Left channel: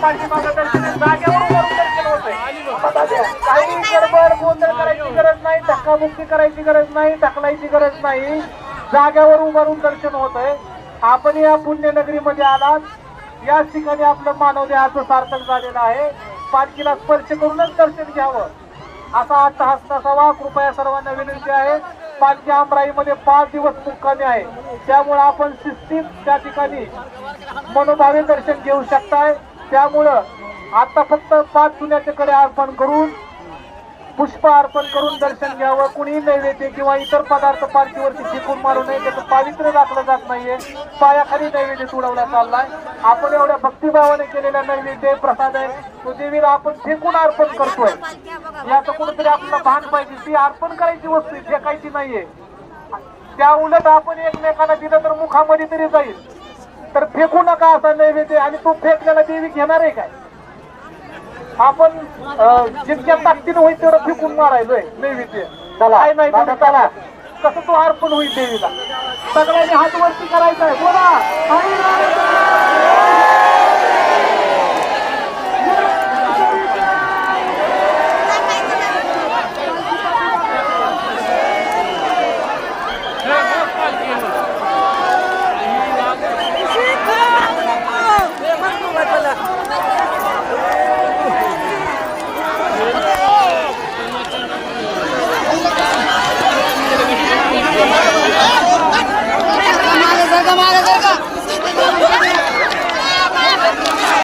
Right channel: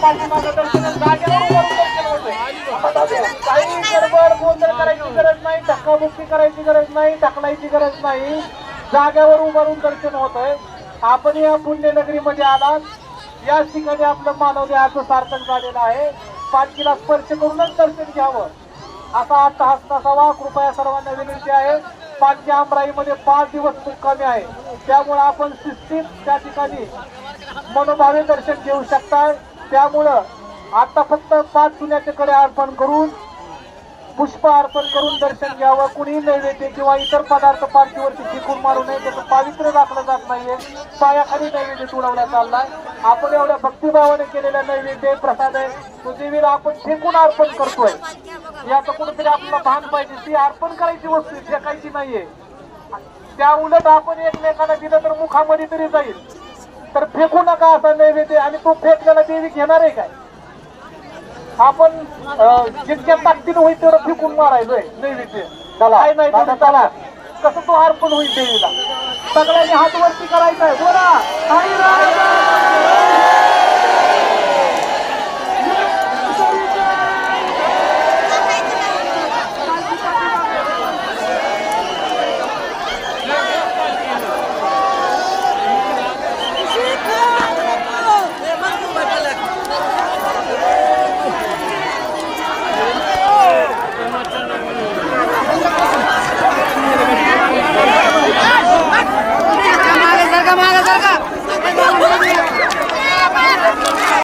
पाठीमागं दर्शन जागेवर उभारून दर्शन होतंय. काही गडबड गोंधळ करायची गरज नाही, धक्काबुक्की करायची गरज नाही, ढकलायची गरज नाही. जागेवर उभारून दर्शन होतंय. आपण या पुण्यनगरीमध्ये आलात, याच ठिकाणी आपलं मानव देहाचं सार्थक झालेलं आहे. पालखीला स्पर्श करूनच दर्शन घ्यावं असा अट्टहास नसावा. कृपया सर्वांना विनंती आहे. पालखी आमराईमध्ये 5 दिवस मुक्कामी आहे, त्यामुळे आपण शिस्तीत त्या ठिकाणी मनोभावे दर्शन घेऊ शकताय. त्यामुळं आता फक्त 5 चुन्याचे कडे अर्पण करून पुष्प अर्पण करून दर्शन घ्यावं. कुणी नैवेद्य किंवा इतर पदार्थ पालखीवरती फेकून मारू नये, त्याचं पावित्र्य राखलं जात नाहीये. पायाखाली नैवेद्य तुडवण्यात चाललाय. आपण एवढ्या भक्तिभावाने केलेला नैवेद्य प्रसाद आहे, तो देवीला आपण फेकून अर्पण करतोय. याचं कुठेतरी आपल्याला भान पाहिजे. ती अर्पण करायची वस्तू, फेकायची नाहीये. त्या उलट आपण एकमेकांना दिलं तर मुखामध्ये तरी जाईल. तर फेकू नका असा नैवेद्य. आणि तो फेकलेला देवी घेणार आहे काय? आपण जितक्या ताकदीनं होईल तेवढं फेकून मारायचंय नैवेद्य. काय नाही त्याला कसं तो अर्पण होईल देवीला. सगळ्यांनी हात वरती करायचा आहे. बोला.